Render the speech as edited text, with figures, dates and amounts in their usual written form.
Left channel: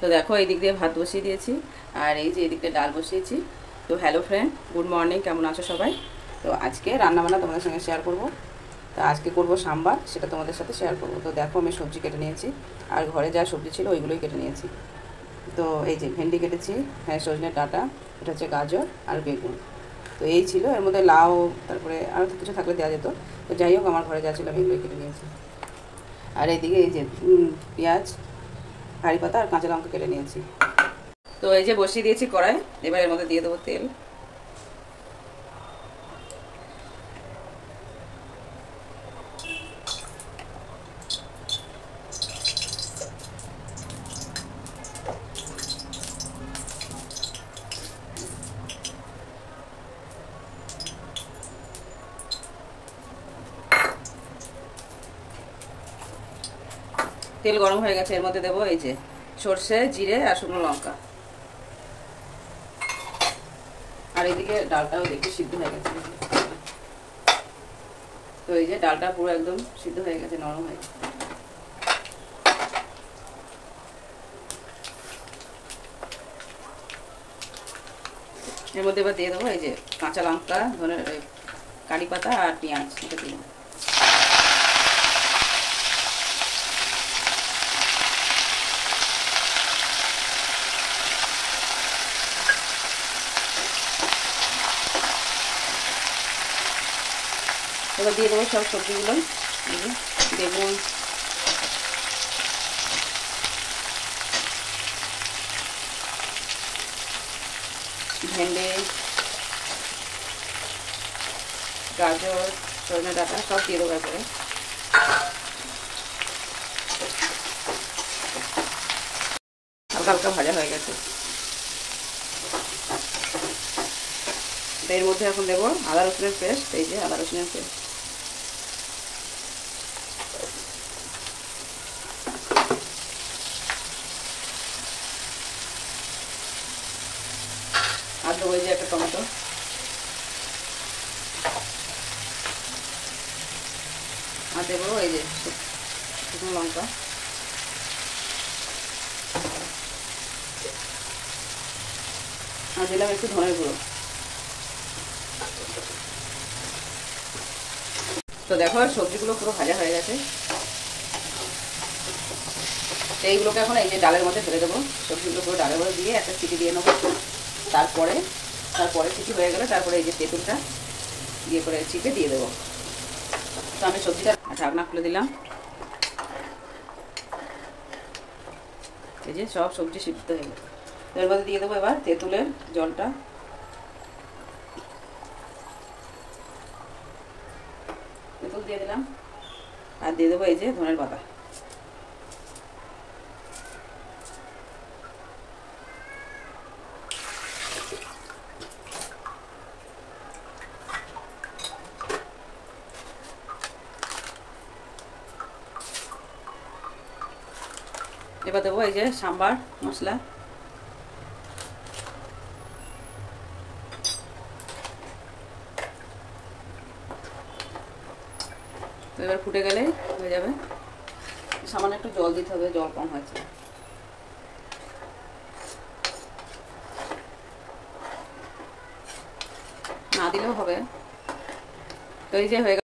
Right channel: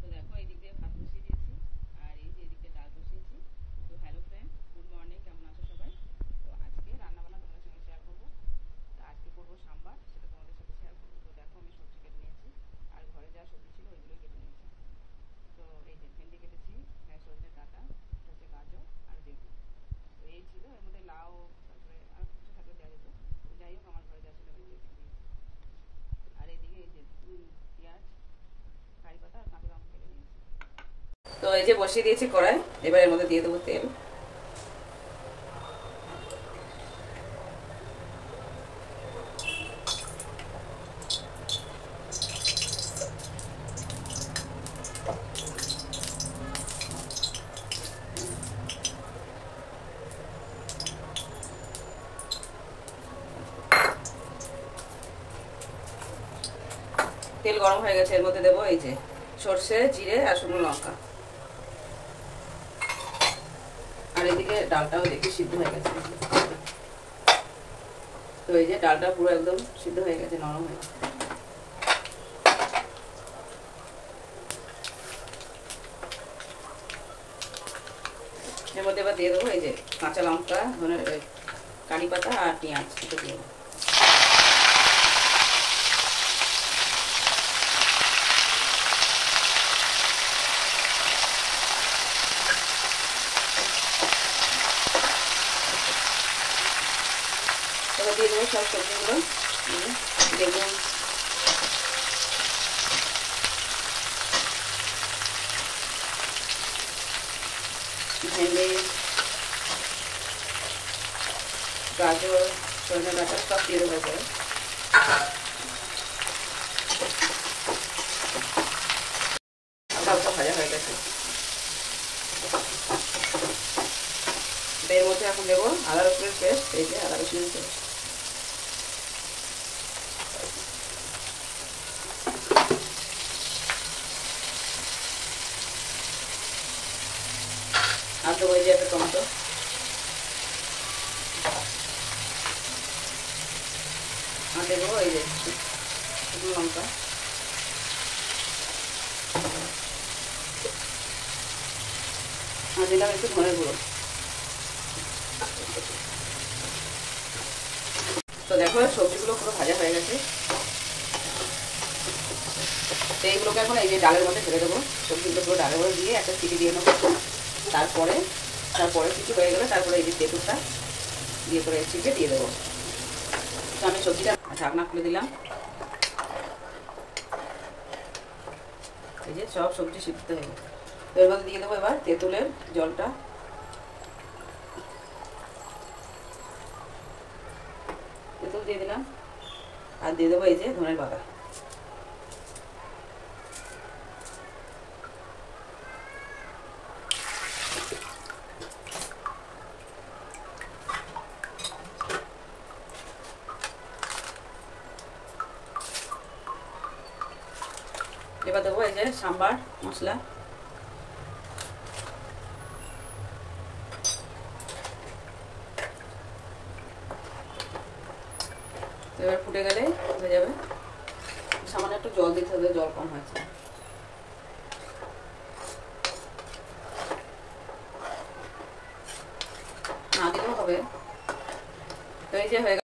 তো দেখো এই দিক দিয়ে ভাত বসিয়ে দিয়েছি আর এই যে এদিক দিয়ে ডাল বসিয়েছি। তো হ্যালো ফ্রেন্ড, গুড মর্নিং, কেমন আছো সবাই? তো আজকে রান্নাবান্না তোমাদের সঙ্গে শেয়ার করব। তো আজকে করব সাম্বার, সেটা তোমাদের সাথে শেয়ার করব। তো দেখো আমি সবজি কেটে নিয়েছি আর ঘরে যা সবজি ছিল ওইগুলোই কেটে নিয়েছি। তো এই যে ভেন্ডি কেটেছি, হ্যাঁ সজনে ডাঁটা, এটা হচ্ছে গাজর আর বেগুন। তো এই ছিল, এর মধ্যে লাউ তারপরে আরও কিছু থাকলে দেওয়া যেত। তো যাই হোক, আমার ঘরে যা ছিল আমি এগুলোই কেটে নিয়েছি। আর এইদিকে এই যে পেঁয়াজ, কারি পাতা আর কাঁচা লঙ্কা কেটে নিয়েছি। তো এই যে বসিয়ে দিয়েছি কড়াই, এবার এর মধ্যে দিয়ে দেবো তেল। তেল গরম হয়ে গেছে, এর মধ্যে দেবো এই যে সর্ষে, জিরে আর শুকনো লঙ্কা। আর এদিকে ডালটাও দেখি সিদ্ধ হয়ে গেছে। তো এই যে ডালটা পুরো একদম সিদ্ধ হয়ে গেছে, নরম হয়ে গেছে। এর মধ্যে এবার দিয়ে দেবো এই যে কাঁচা লঙ্কা, ধনের কারি পাতা আর পেঁয়াজ, এটা দিয়ে দেবো। এবার দিয়ে দেবো সব সবজিগুলো, বেগুন, ভেন্ডি, গাজর, সজনে ডাঁটা সব দিয়ে দেবো করে। হালকা হালকা ভাজা হয়ে গেছে। এর মধ্যে এখন দেবো আদা রসুনের পেস্ট, এই যে আদা রসুনের পেস্ট। আর দেবো এই যে একটা টমেটো। আর দেবো এই যে শুকনো লঙ্কা। আর দিলাম একটু ধনে গুঁড়ো। তো দেখো সবজিগুলো পুরো ভাজা হয়ে গেছে। এইগুলোকে এখন এই যে ডালের মধ্যে ঢেলে দেবো। সবজিগুলো পুরো ডালের মধ্যে দিয়ে একটা সিটি দিয়ে নেবো। তারপরে সিটি হয়ে গেলে তারপরে এই যে তেঁতুলটা দিয়ে করে চিপে দিয়ে দেবো। তো আমি সবজিটা ঢাকনা খুলে দিলাম। এই যে সব সবজি সিদ্ধ হয়ে গেছে। তো এর মধ্যে দিয়ে দেবো এবার তেঁতুলের জলটা। তেঁতুল দিয়ে দিলাম আর দিয়ে দেবো এই যে ধনের পাতা। এবার দেবো এই যে সাম্বার মশলা। তো এবার ফুটে গেলে হয়ে যাবে। সামান্য একটু জল দিতে হবে, জল কম হয়েছে, না দিলেও হবে। তো এই যে হয়ে